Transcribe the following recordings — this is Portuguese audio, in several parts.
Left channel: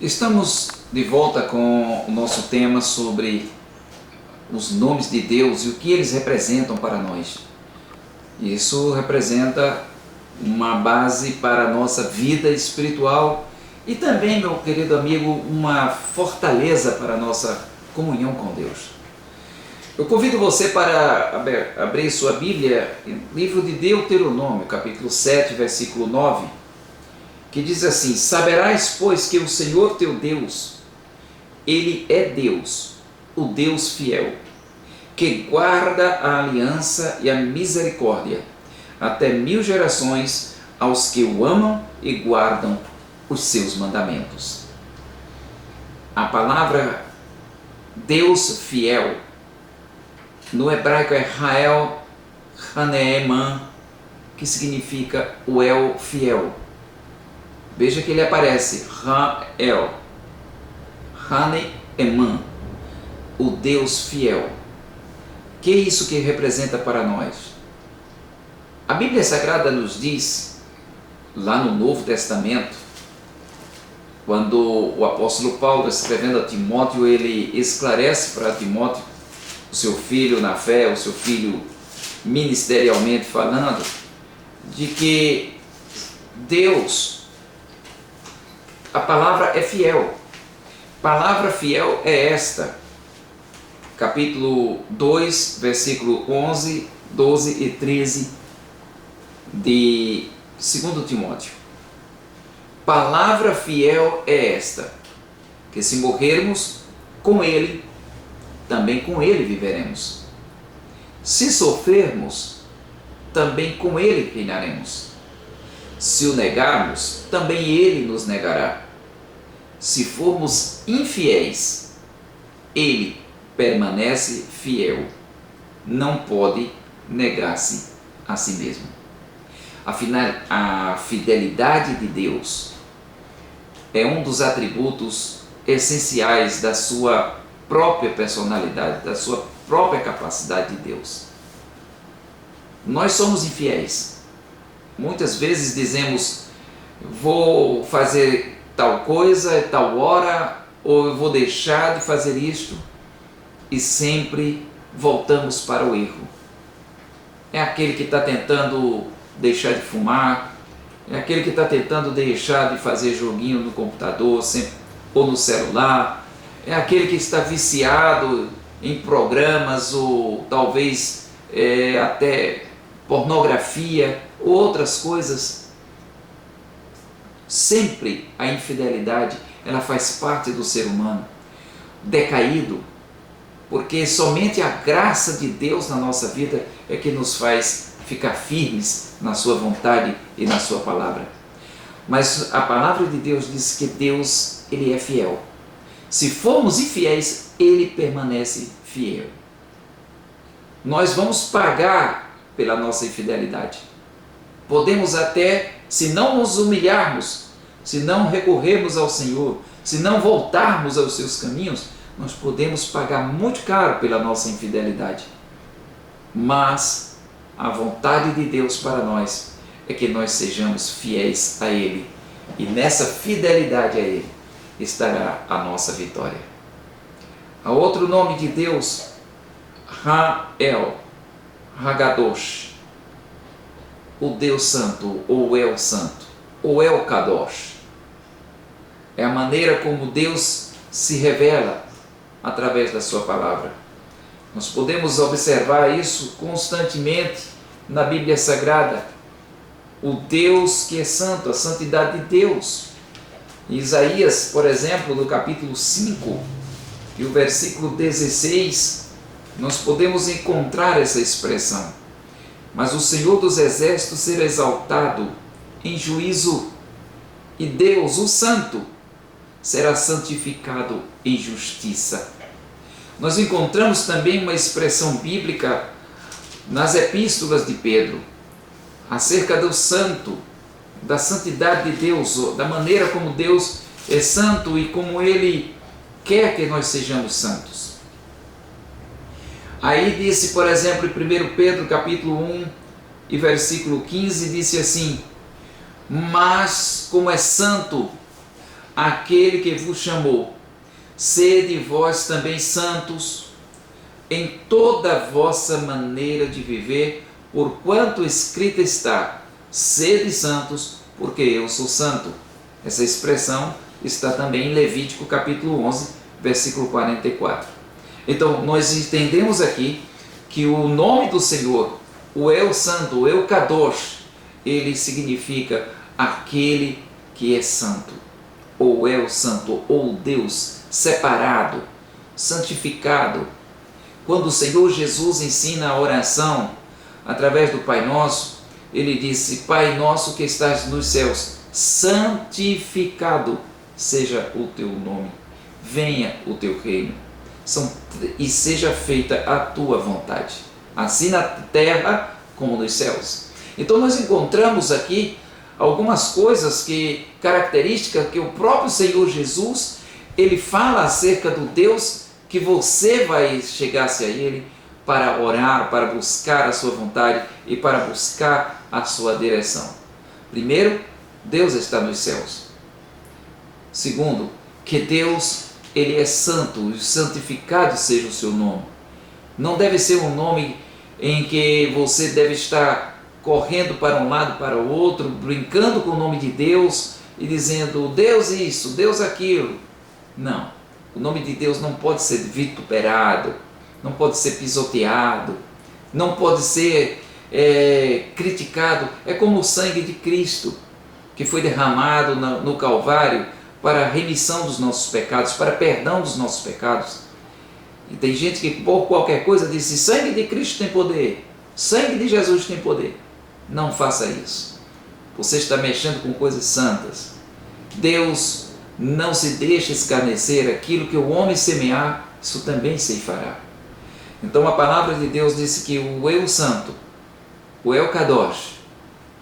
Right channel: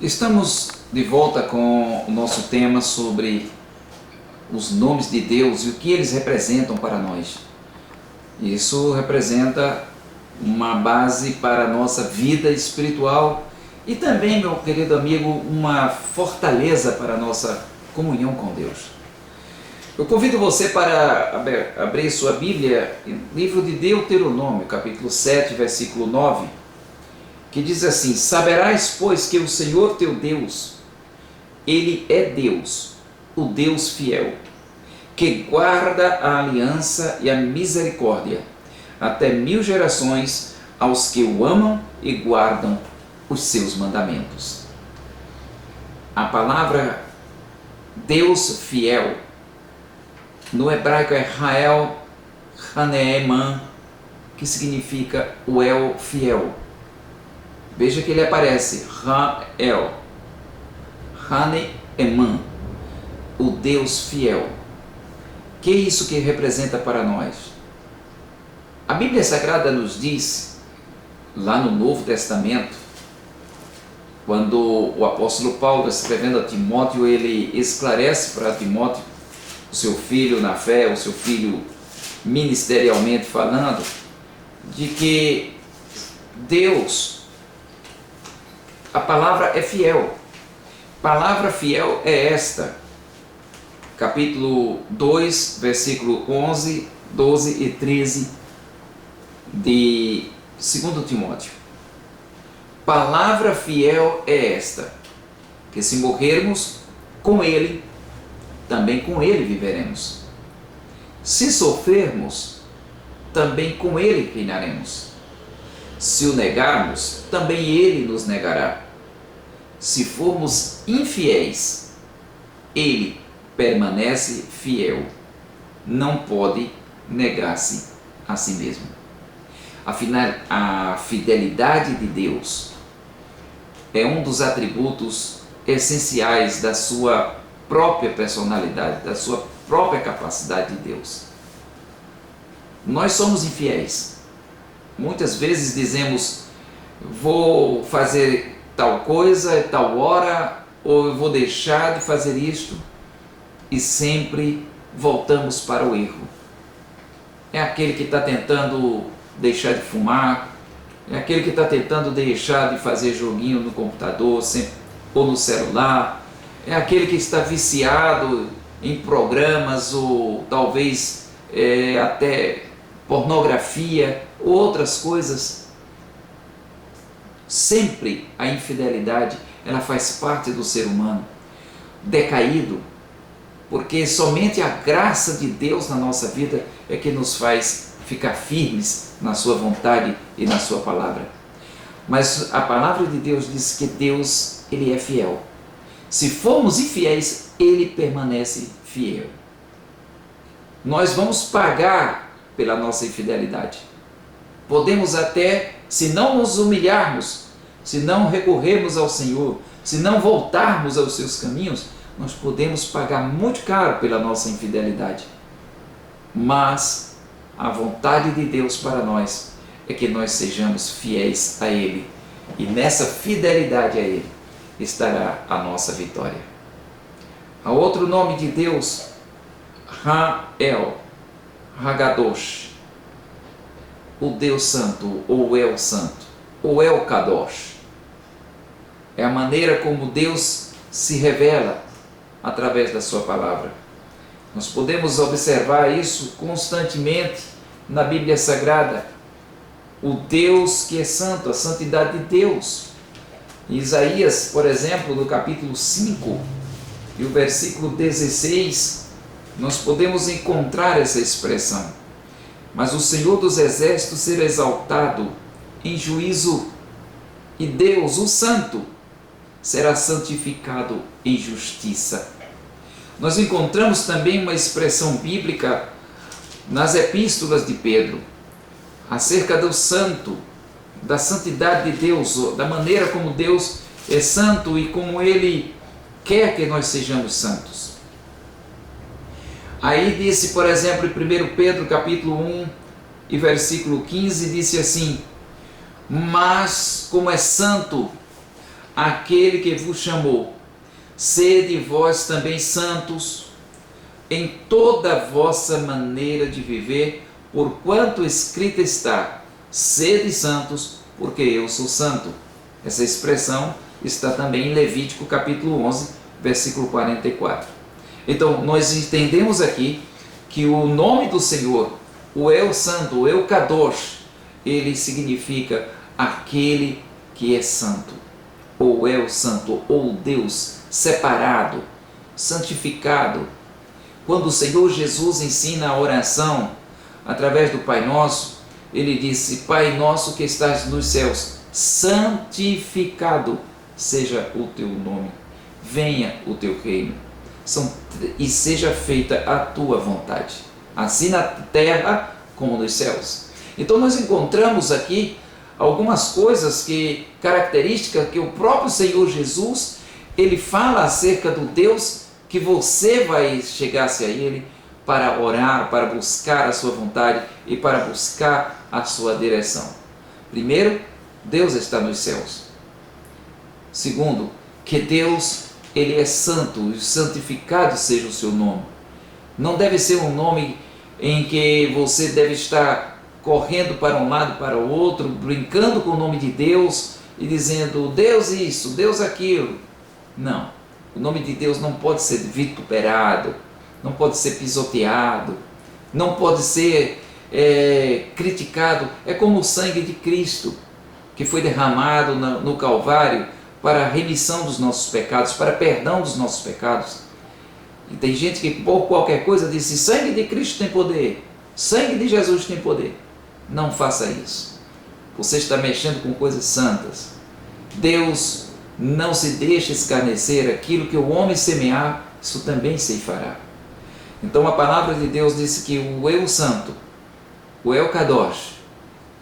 Estamos de volta com o nosso tema sobre os nomes de Deus e o que eles representam para nós. Isso representa uma base para a nossa vida espiritual e também, meu querido amigo, uma fortaleza para a nossa comunhão com Deus. Eu convido você para abrir sua Bíblia no livro de Deuteronômio, capítulo 7, versículo 9, que diz assim: Saberás, pois, que o Senhor teu Deus, Ele é Deus, o Deus fiel, que guarda a aliança e a misericórdia até 1000 gerações aos que o amam e guardam os seus mandamentos. A palavra Deus fiel, no hebraico é Rael Haneeman, que significa o El fiel. Veja que ele aparece, Rael Haneeman, o Deus fiel. Que é isso que representa para nós? A Bíblia Sagrada nos diz, lá no Novo Testamento, quando o apóstolo Paulo, escrevendo a Timóteo, ele esclarece para Timóteo, o seu filho na fé, o seu filho ministerialmente falando, de que Deus, a palavra é fiel. Palavra fiel é esta, capítulo 2, versículo 11, 12 e 13 de 2 Timóteo. Palavra fiel é esta, que se morrermos com Ele, também com Ele viveremos. Se sofrermos, também com Ele reinaremos. Se o negarmos, também Ele nos negará. Se formos infiéis, Ele permanece fiel, não pode negar-se a si mesmo. Afinal, a fidelidade de Deus é um dos atributos essenciais da sua própria personalidade, da sua própria capacidade de Deus. Nós somos infiéis. Muitas vezes dizemos: vou fazer tal coisa, tal hora, ou eu vou deixar de fazer isto, e sempre voltamos para o erro. É aquele que está tentando deixar de fumar, é aquele que está tentando deixar de fazer joguinho no computador ou no celular, é aquele que está viciado em programas ou talvez até pornografia ou outras coisas. Sempre a infidelidade, ela faz parte do ser humano decaído, porque somente a graça de Deus na nossa vida é que nos faz ficar firmes na sua vontade e na sua palavra. Mas a palavra de Deus diz que Deus, Ele é fiel. Se formos infiéis, Ele permanece fiel. Nós vamos pagar pela nossa infidelidade. Podemos até, se não nos humilharmos, se não recorrermos ao Senhor, se não voltarmos aos seus caminhos, nós podemos pagar muito caro pela nossa infidelidade. Mas a vontade de Deus para nós é que nós sejamos fiéis a Ele, e nessa fidelidade a Ele estará a nossa vitória. Há outro nome de Deus, Rael Hagadosh, o Deus Santo, ou El Santo, ou El Kadosh. É a maneira como Deus se revela através da sua palavra. Nós podemos observar isso constantemente na Bíblia Sagrada. O Deus que é santo, a santidade de Deus. Em Isaías, por exemplo, no capítulo 5 e o versículo 16, nós podemos encontrar essa expressão. Mas o Senhor dos Exércitos será exaltado em juízo, e Deus, o Santo, será santificado em justiça. Nós encontramos também uma expressão bíblica nas epístolas de Pedro, acerca do santo, da santidade de Deus, da maneira como Deus é santo e como Ele quer que nós sejamos santos. Aí disse, por exemplo, em 1 Pedro capítulo 1 e versículo 15, disse assim: mas como é santo, aquele que vos chamou. Sede vós também santos em toda a vossa maneira de viver, porquanto escrito está: sede santos, porque eu sou santo. Essa expressão está também em Levítico capítulo 11, versículo 44. Então, nós entendemos aqui que o nome do Senhor, o El Santo, o El Kadosh, ele significa aquele que é santo, ou El Santo, ou Deus separado, santificado. Quando o Senhor Jesus ensina a oração através do Pai Nosso, ele disse: Pai nosso que estás nos céus, santificado seja o teu nome, venha o teu reino, e seja feita a tua vontade, assim na terra como nos céus. Então nós encontramos aqui algumas coisas características que o próprio Senhor Jesus, ele fala acerca do Deus que você vai chegar-se a ele para orar, para buscar a sua vontade e para buscar a sua direção. Primeiro, Deus está nos céus. Segundo, que Deus, ele é santo, e santificado seja o seu nome. Não deve ser um nome em que você deve estar correndo para um lado, para o outro, brincando com o nome de Deus e dizendo Deus isso, Deus aquilo. Não, o nome de Deus não pode ser vituperado, não pode ser pisoteado, não pode ser criticado. É como o sangue de Cristo, que foi derramado no Calvário para a remissão dos nossos pecados, para perdão dos nossos pecados. E tem gente que por qualquer coisa diz: sangue de Cristo tem poder, sangue de Jesus tem poder. Não faça isso. Você está mexendo com coisas santas. Deus não se deixa escarnecer, aquilo que o homem semear, isso também se fará. Então a palavra de Deus disse que o Eu Santo, o El Kadosh,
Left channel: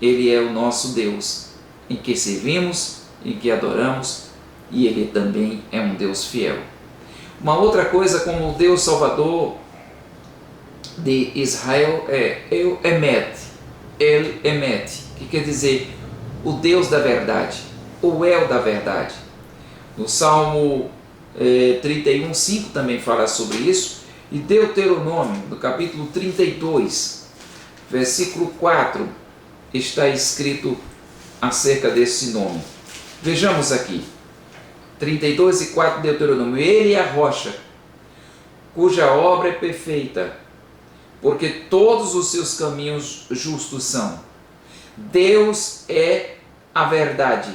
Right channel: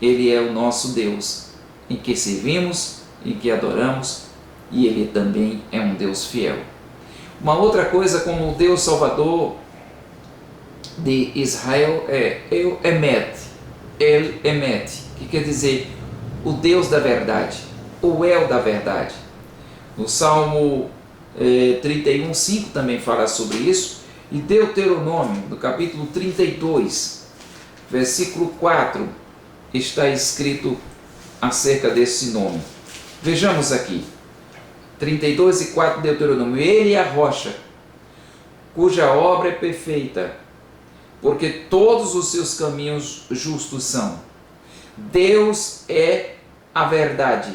ele é o nosso Deus, em que servimos, em que adoramos, e ele também é um Deus fiel. Uma outra coisa, como o Deus Salvador de Israel é El Emet, que quer dizer o Deus da verdade, o El da verdade. No Salmo 31:5 também fala sobre isso, e Deuteronômio, no capítulo 32, versículo 4, está escrito acerca desse nome. Vejamos aqui, 32:4 de Deuteronômio: Ele é a rocha, cuja obra é perfeita, porque todos os seus caminhos justos são. Deus é a verdade,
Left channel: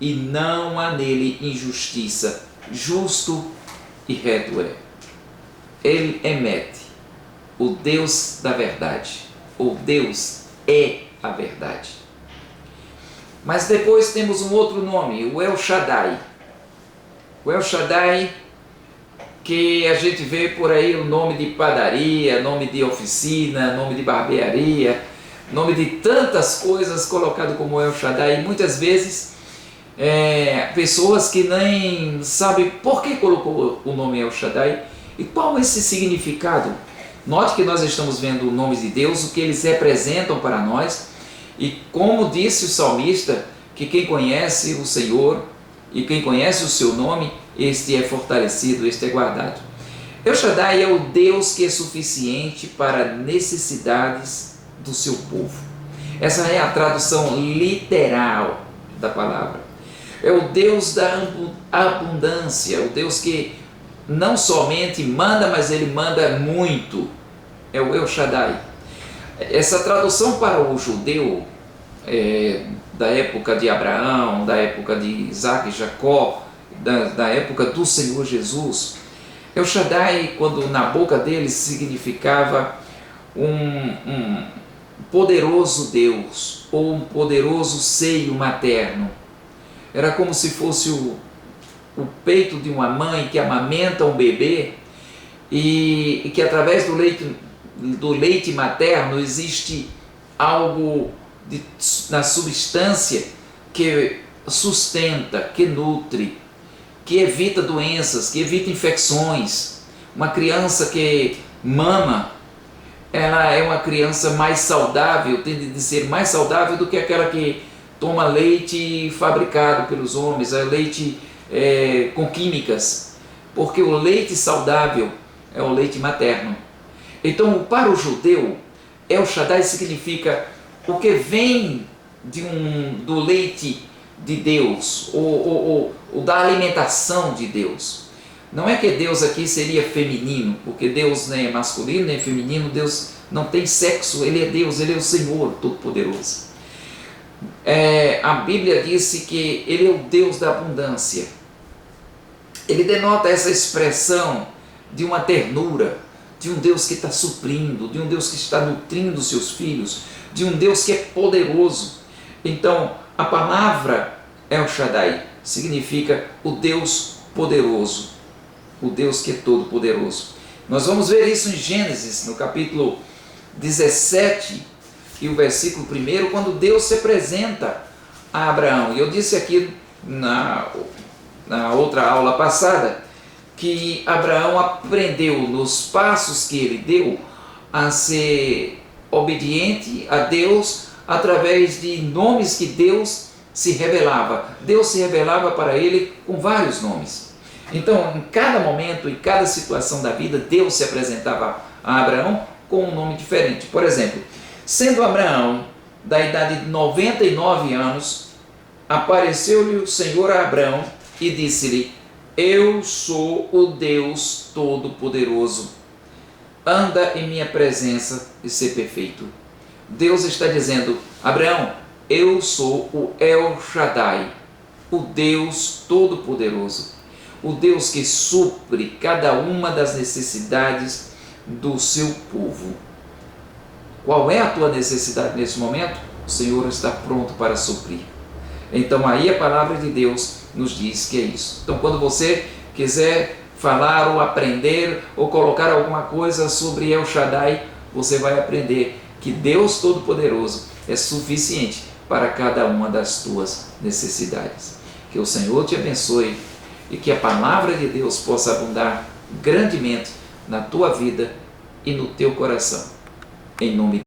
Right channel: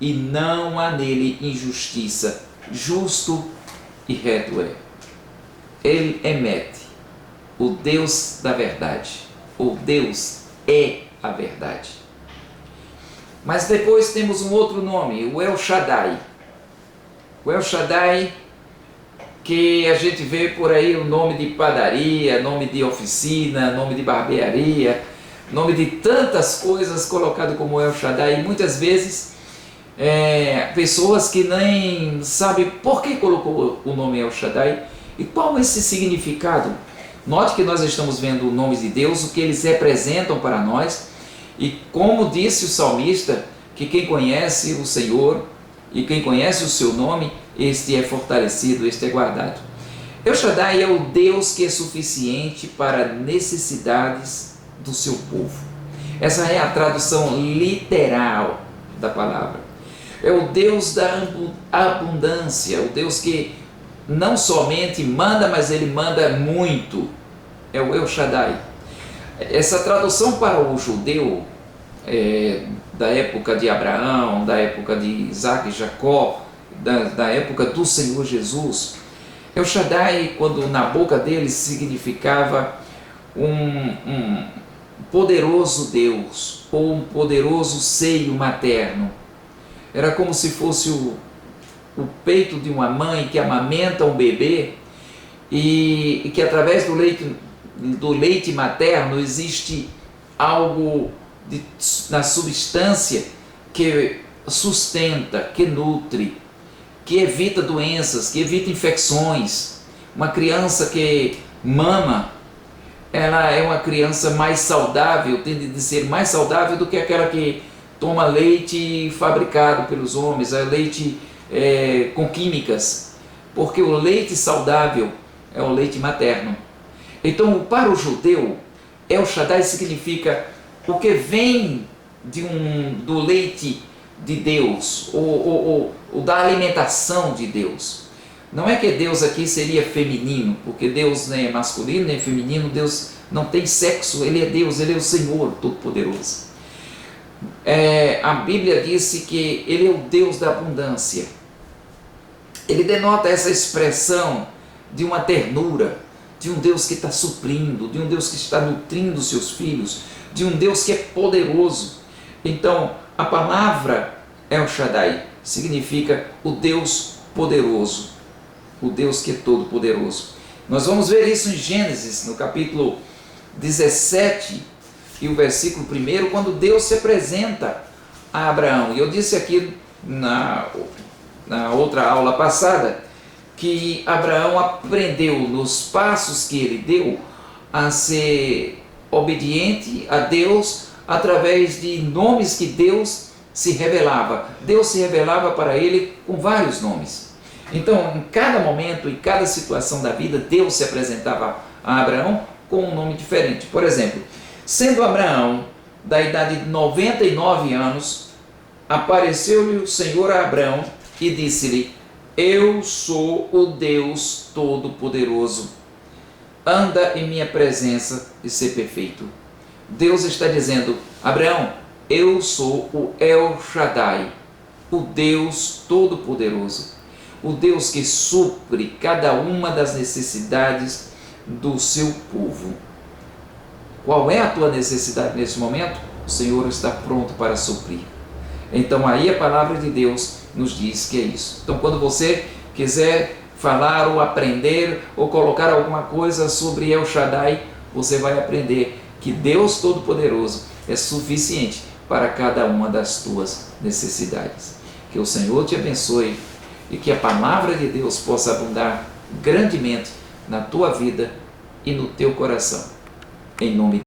e não há nele injustiça, justo e reto é. Ele Emet, o Deus da verdade, o Deus é a verdade. Mas depois temos um outro nome, o El Shaddai. O El Shaddai, que a gente vê por aí o nome de padaria, nome de oficina, nome de barbearia, nome de tantas coisas colocado como El Shaddai. E muitas vezes pessoas que nem sabem por que colocou o nome El Shaddai e qual é esse significado. Note que nós estamos vendo o nome de Deus, o que eles representam para nós, e como disse o salmista, que quem conhece o Senhor e quem conhece o seu nome, este é fortalecido, este é guardado. El Shaddai é o Deus que é suficiente para necessidades do seu povo. Essa é a tradução literal da palavra. É o Deus da abundância, o Deus que não somente manda, mas ele manda muito. É o El Shaddai. Essa tradução para o judeu da época de Abraão, da época de Isaac e Jacó, da época do Senhor Jesus, El Shaddai, quando na boca deles, significava um poderoso Deus, ou um poderoso seio materno. Era como se fosse o peito de uma mãe que amamenta um bebê e que através do leite materno existe algo na substância que sustenta, que nutre, que evita doenças, que evita infecções. Uma criança que mama, ela é uma criança mais saudável, tende a ser mais saudável do que aquela que toma leite fabricado pelos homens, é leite com químicas, porque o leite saudável é o leite materno. Então, para o judeu, El Shaddai significa o que vem do leite de Deus, ou da alimentação de Deus. Não é que Deus aqui seria feminino, porque Deus nem é masculino nem é feminino, Deus não tem sexo, Ele é Deus, Ele é o Senhor Todo-Poderoso. A Bíblia disse que Ele é o Deus da abundância. Ele denota essa expressão de uma ternura, de um Deus que está suprindo, de um Deus que está nutrindo seus filhos, de um Deus que é poderoso. Então, a palavra El Shaddai significa o Deus poderoso, o Deus que é todo poderoso. Nós vamos ver isso em Gênesis, no capítulo 17 e o versículo 1, quando Deus se apresenta a Abraão. E eu disse aqui na outra aula passada que Abraão aprendeu nos passos que ele deu a ser obediente a Deus através de nomes que Deus se revelava. Deus se revelava para ele com vários nomes. Então, em cada momento, em cada situação da vida, Deus se apresentava a Abraão com um nome diferente. Por exemplo, sendo Abraão da idade de 99 anos, apareceu-lhe o Senhor a Abraão e disse-lhe: eu sou o Deus Todo-Poderoso. Anda em minha presença e ser perfeito. Deus está dizendo: Abraão, eu sou o El Shaddai, o Deus Todo-Poderoso, o Deus que supre cada uma das necessidades do seu povo. Qual é a tua necessidade nesse momento? O Senhor está pronto para suprir. Então aí a palavra de Deus nos diz que é isso. Então quando você quiser falar ou aprender ou colocar alguma coisa sobre El Shaddai, você vai aprender que Deus Todo-Poderoso é suficiente para cada uma das tuas necessidades. Que o Senhor te abençoe e que a palavra de Deus possa abundar grandemente na tua vida e no teu coração. Em nome de